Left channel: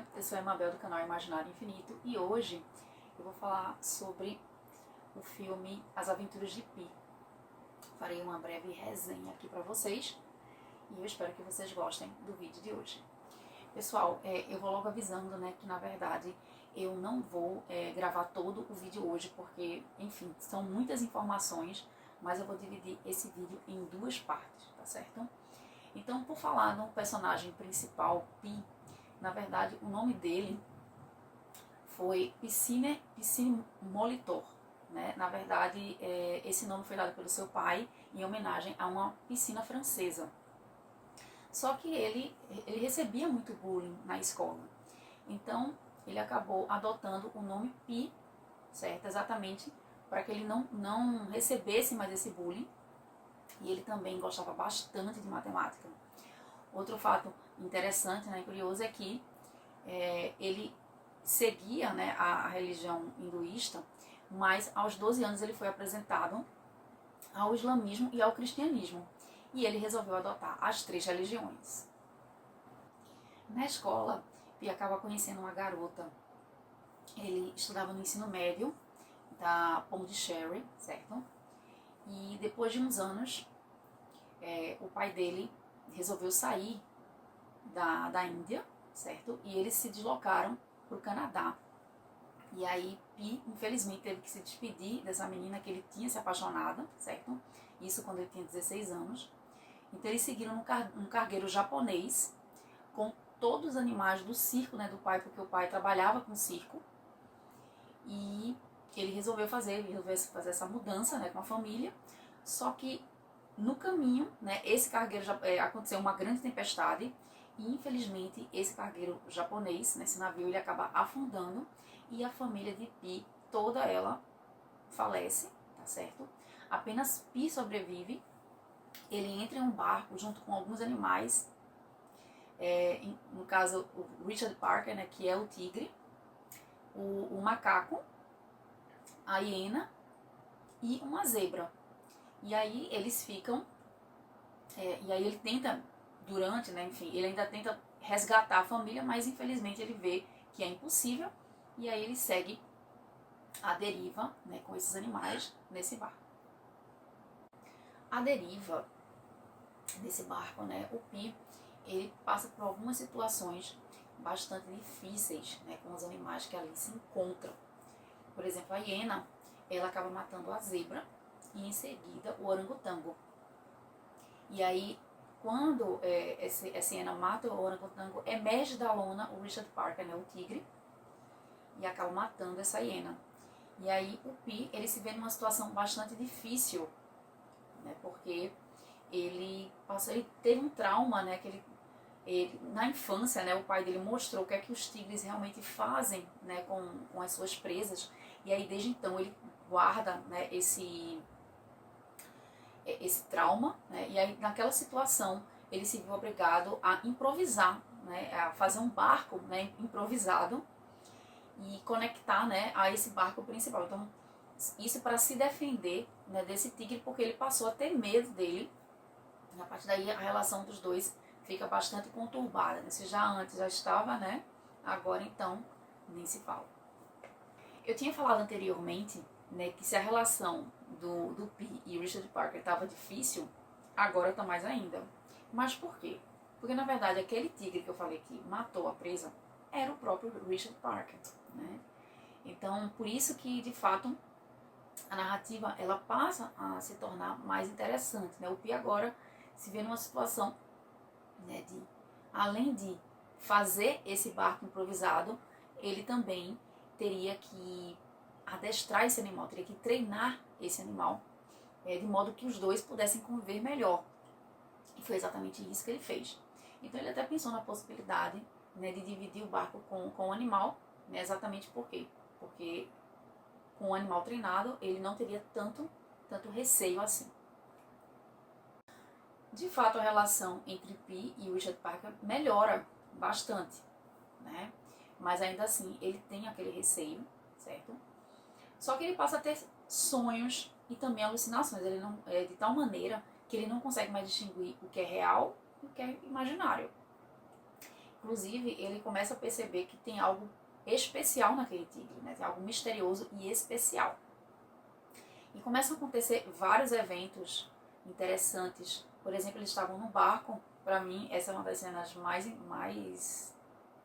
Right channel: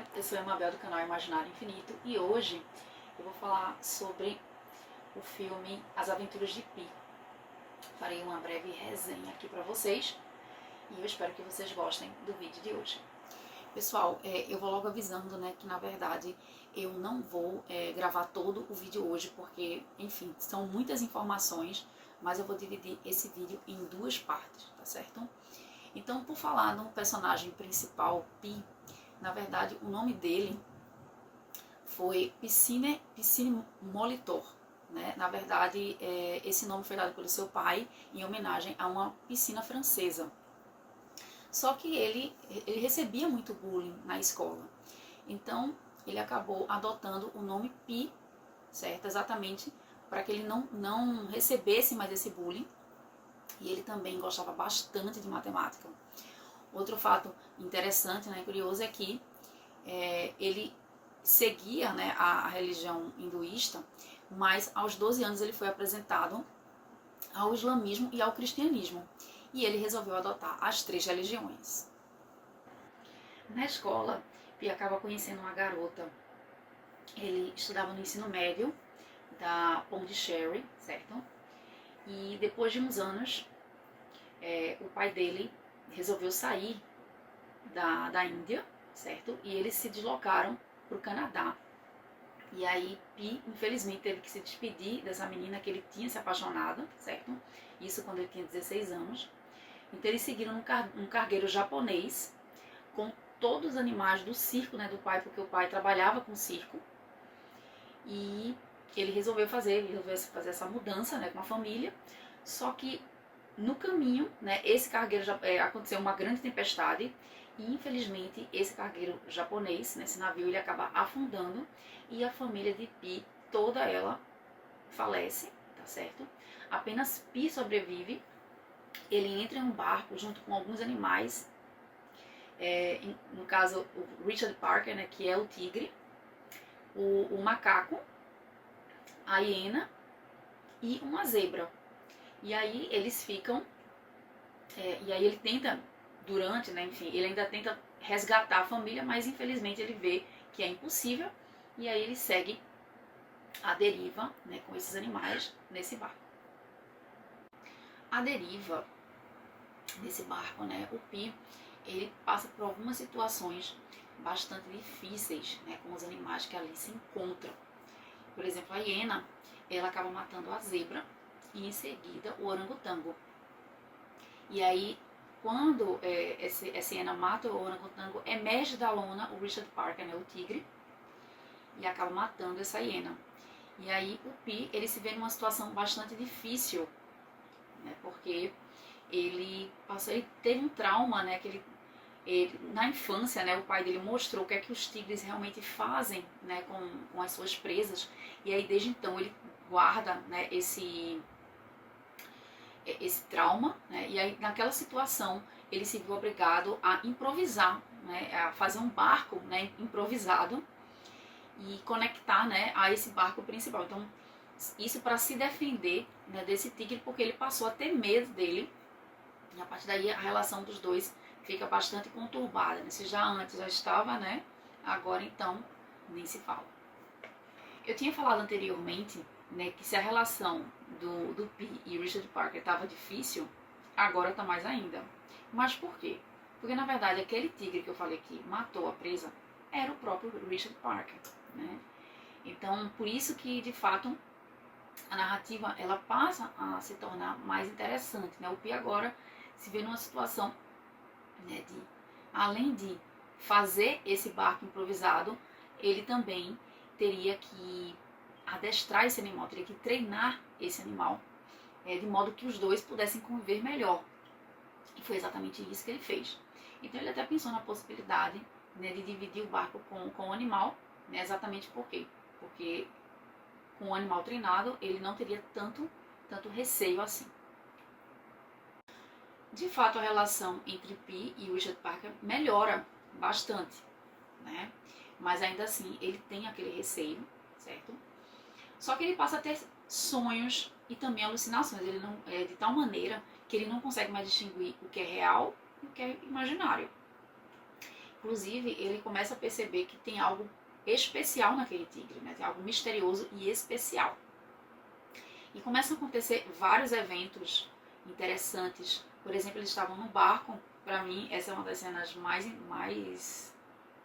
dia, eu sou a Mabel do canal Imaginário Infinito e hoje eu vou falar sobre o filme As Aventuras de Pi. Farei uma breve resenha aqui pra vocês e eu espero que vocês gostem do vídeo de hoje. Pessoal, eu vou logo avisando, né, que na verdade eu não vou gravar todo o vídeo hoje porque, enfim, são muitas informações, mas eu vou dividir esse vídeo em duas partes, tá certo? Então, por falar no personagem principal, Pi, na verdade, o nome dele foi Piscine Molitor, né? Na verdade, esse nome foi dado pelo seu pai em homenagem a uma piscina francesa. Só que ele recebia muito bullying na escola. Então, ele acabou adotando o nome Pi, certo? Exatamente para que ele não recebesse mais esse bullying. E ele também gostava bastante de matemática. Outro fato interessante, né, curioso, é que ele seguia, né, a religião hinduísta, mas aos 12 anos ele foi apresentado ao islamismo e ao cristianismo. E ele resolveu adotar as três religiões. Na escola, Pi acaba conhecendo uma garota. Ele estudava no ensino médio da Pondicherry, certo? E depois de uns anos, o pai dele resolveu sair da Índia, certo? E eles se deslocaram para o Canadá. E aí Pi, infelizmente, teve que se despedir dessa menina que ele tinha se apaixonado, certo? Isso quando ele tinha 16 anos. Então eles seguiram um cargueiro japonês com todos os animais do circo, né, do pai, porque o pai trabalhava com circo. E ele resolveu fazer essa mudança, né, com a família. Só que no caminho, né, esse cargueiro aconteceu uma grande tempestade e infelizmente esse cargueiro japonês, nesse navio, ele acaba afundando e a família de Pi, toda ela falece, tá certo? Apenas Pi sobrevive. Ele entra em um barco junto com alguns animais, no caso o Richard Parker, né, que é o tigre, o macaco, a hiena e uma zebra. E aí eles ficam, e aí ele tenta, né, enfim, ele ainda tenta resgatar a família, mas infelizmente ele vê que é impossível, e aí ele segue a deriva, né, com esses animais nesse barco. A deriva nesse barco, né, o Pi, ele passa por algumas situações bastante difíceis, né, com os animais que ali se encontram. Por exemplo, a hiena, ela acaba matando a zebra e em seguida o orangotango. E aí, quando essa hiena mata o orangotango, emerge da lona o Richard Parker, né, o tigre, e acaba matando essa hiena. E aí o Pi, ele se vê numa situação bastante difícil, né, porque ele teve um trauma, né, que na infância, né, o pai dele mostrou o que é que os tigres realmente fazem, né, com as suas presas, e aí desde então ele guarda, né, esse trauma, né, e aí naquela situação ele se viu obrigado a improvisar, né, a fazer um barco, né, improvisado e conectar, né, a esse barco principal. Então isso para se defender, né, desse tigre, porque ele passou a ter medo dele. E a partir daí a relação dos dois fica bastante conturbada, né? Se já antes já estava, né? Agora então nem se fala. Eu tinha falado anteriormente, né, que se a relação do Pi e Richard Parker estava difícil, agora está mais ainda. Mas por quê? Porque na verdade aquele tigre que eu falei que matou a presa era o próprio Richard Parker, né? Então por isso que de fato a narrativa ela passa a se tornar mais interessante, né? O Pi agora se vê numa situação, né, de, além de fazer esse barco improvisado, ele também teria que adestrar esse animal, teria que treinar esse animal, de modo que os dois pudessem conviver melhor. E foi exatamente isso que ele fez. Então ele até pensou na possibilidade, né, de dividir o barco com o animal, né, exatamente por quê? Porque com o animal treinado ele não teria tanto receio assim. De fato, a relação entre Pi e Richard Parker melhora bastante, né? Mas ainda assim, ele tem aquele receio, certo? Só que ele passa a ter sonhos e também alucinações. Ele não de tal maneira que ele não consegue mais distinguir o que é real e o que é imaginário. Inclusive, ele começa a perceber que tem algo especial naquele tigre, né? Tem algo misterioso e especial. E começam a acontecer vários eventos interessantes. Por exemplo, eles estavam no barco. Para mim, essa é uma das cenas mais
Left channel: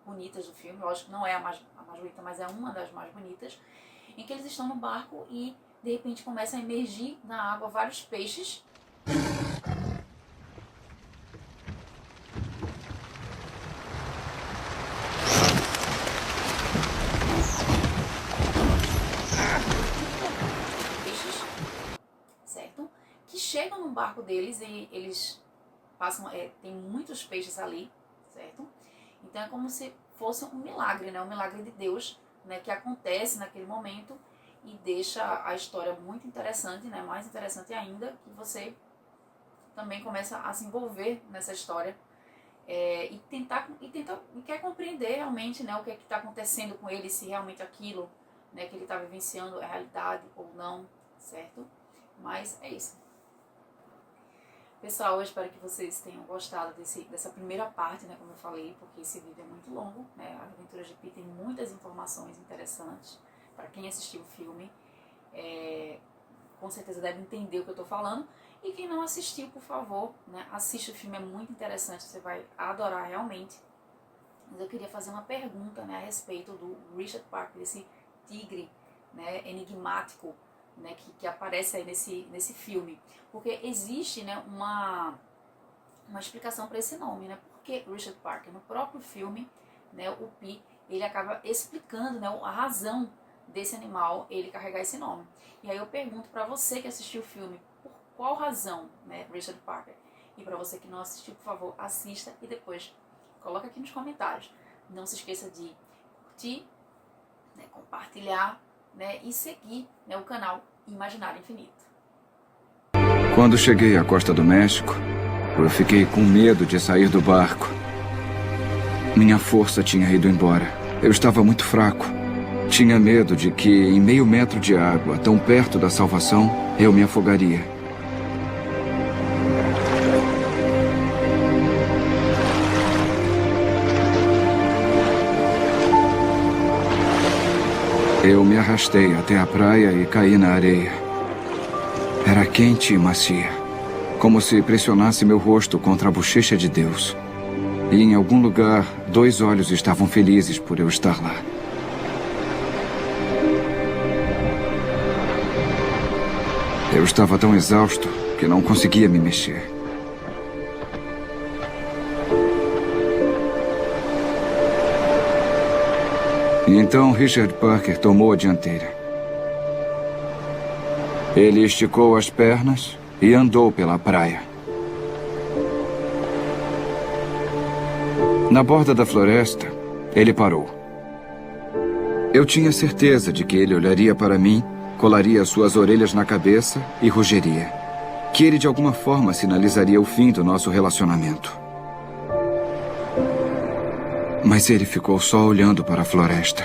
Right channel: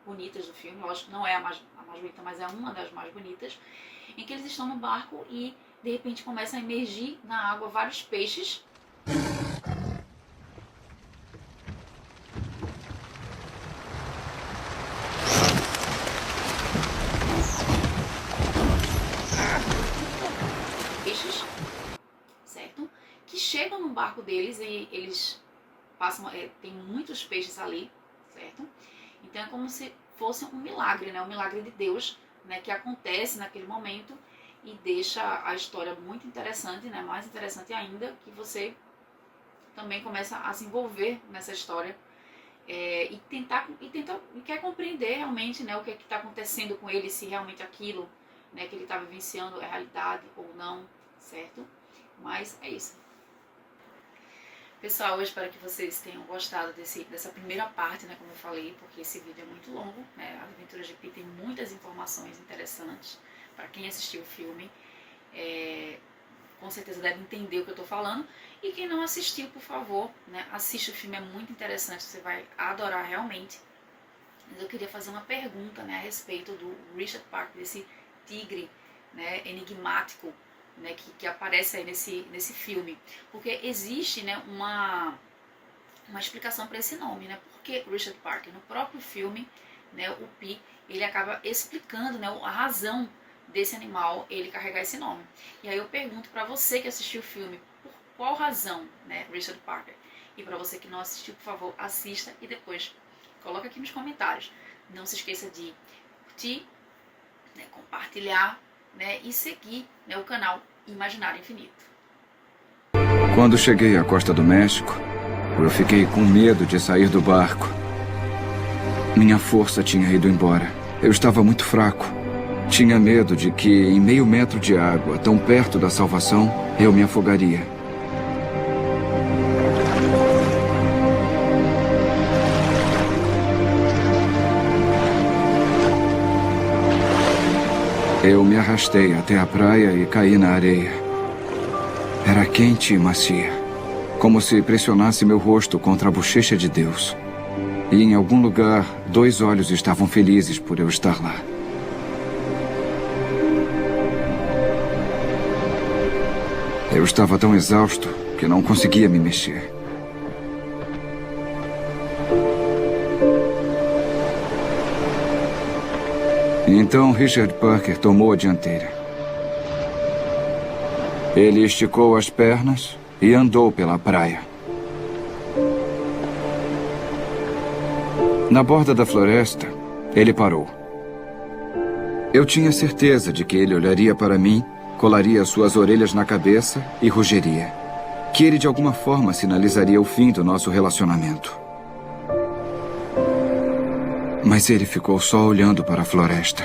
bonitas do filme. Lógico que não é a mais bonita, mas é uma das mais bonitas. Em que eles estão no barco e, de repente, começam a emergir na água vários peixes. Certo? Que chegam no barco deles e eles passam, tem muitos peixes ali, certo? Então é como se fosse um milagre, né? Um milagre de Deus, né? Que acontece naquele momento e deixa a história muito interessante, né? Mais interessante ainda, que você também começa a se envolver nessa história e quer compreender realmente, né? O que é que está acontecendo com ele, se realmente aquilo, né, que ele está vivenciando é realidade ou não, certo? Mas é isso. Pessoal, eu espero que vocês tenham gostado dessa primeira parte, né, como eu falei, porque esse vídeo é muito longo, né? As Aventuras de Pi tem muitas informações interessantes para quem assistiu o filme. Com certeza deve entender o que eu estou falando. E quem não assistiu, por favor, né, assiste o filme, é muito interessante, você vai adorar realmente. Mas eu queria fazer uma pergunta, né, a respeito do Richard Parker, desse tigre, né, enigmático, né, que aparece aí nesse filme. Porque existe, né, uma explicação para esse nome, né? Por que Richard Parker? No próprio filme, né, o Pi, ele acaba explicando, né, a razão desse animal ele carregar esse nome. E aí eu pergunto para você que assistiu o filme, por qual razão, né, Richard Parker? E para você que não assistiu, por favor, assista e depois coloca aqui nos comentários. Não se esqueça de curtir, né, compartilhar, né, e seguir, né, o canal Imaginário Infinito. Quando cheguei à costa do México, eu fiquei com medo de sair do barco. Minha força tinha ido embora. Eu estava muito fraco. Tinha medo de que, em meio metro de água, tão perto da salvação, eu me afogaria. Eu me arrastei até a praia e caí na areia. Era quente e macia, como se pressionasse meu rosto contra a bochecha de Deus. E em algum lugar, 2 olhos estavam felizes por eu estar lá. Eu estava tão exausto que não conseguia me mexer. Então Richard Parker tomou a dianteira. Ele esticou as pernas e andou pela praia. Na borda da floresta, ele parou. Eu tinha certeza de que ele olharia para mim, colaria suas orelhas na cabeça e rugiria. Que ele de alguma forma sinalizaria o fim do nosso relacionamento. Mas ele ficou só olhando para a floresta.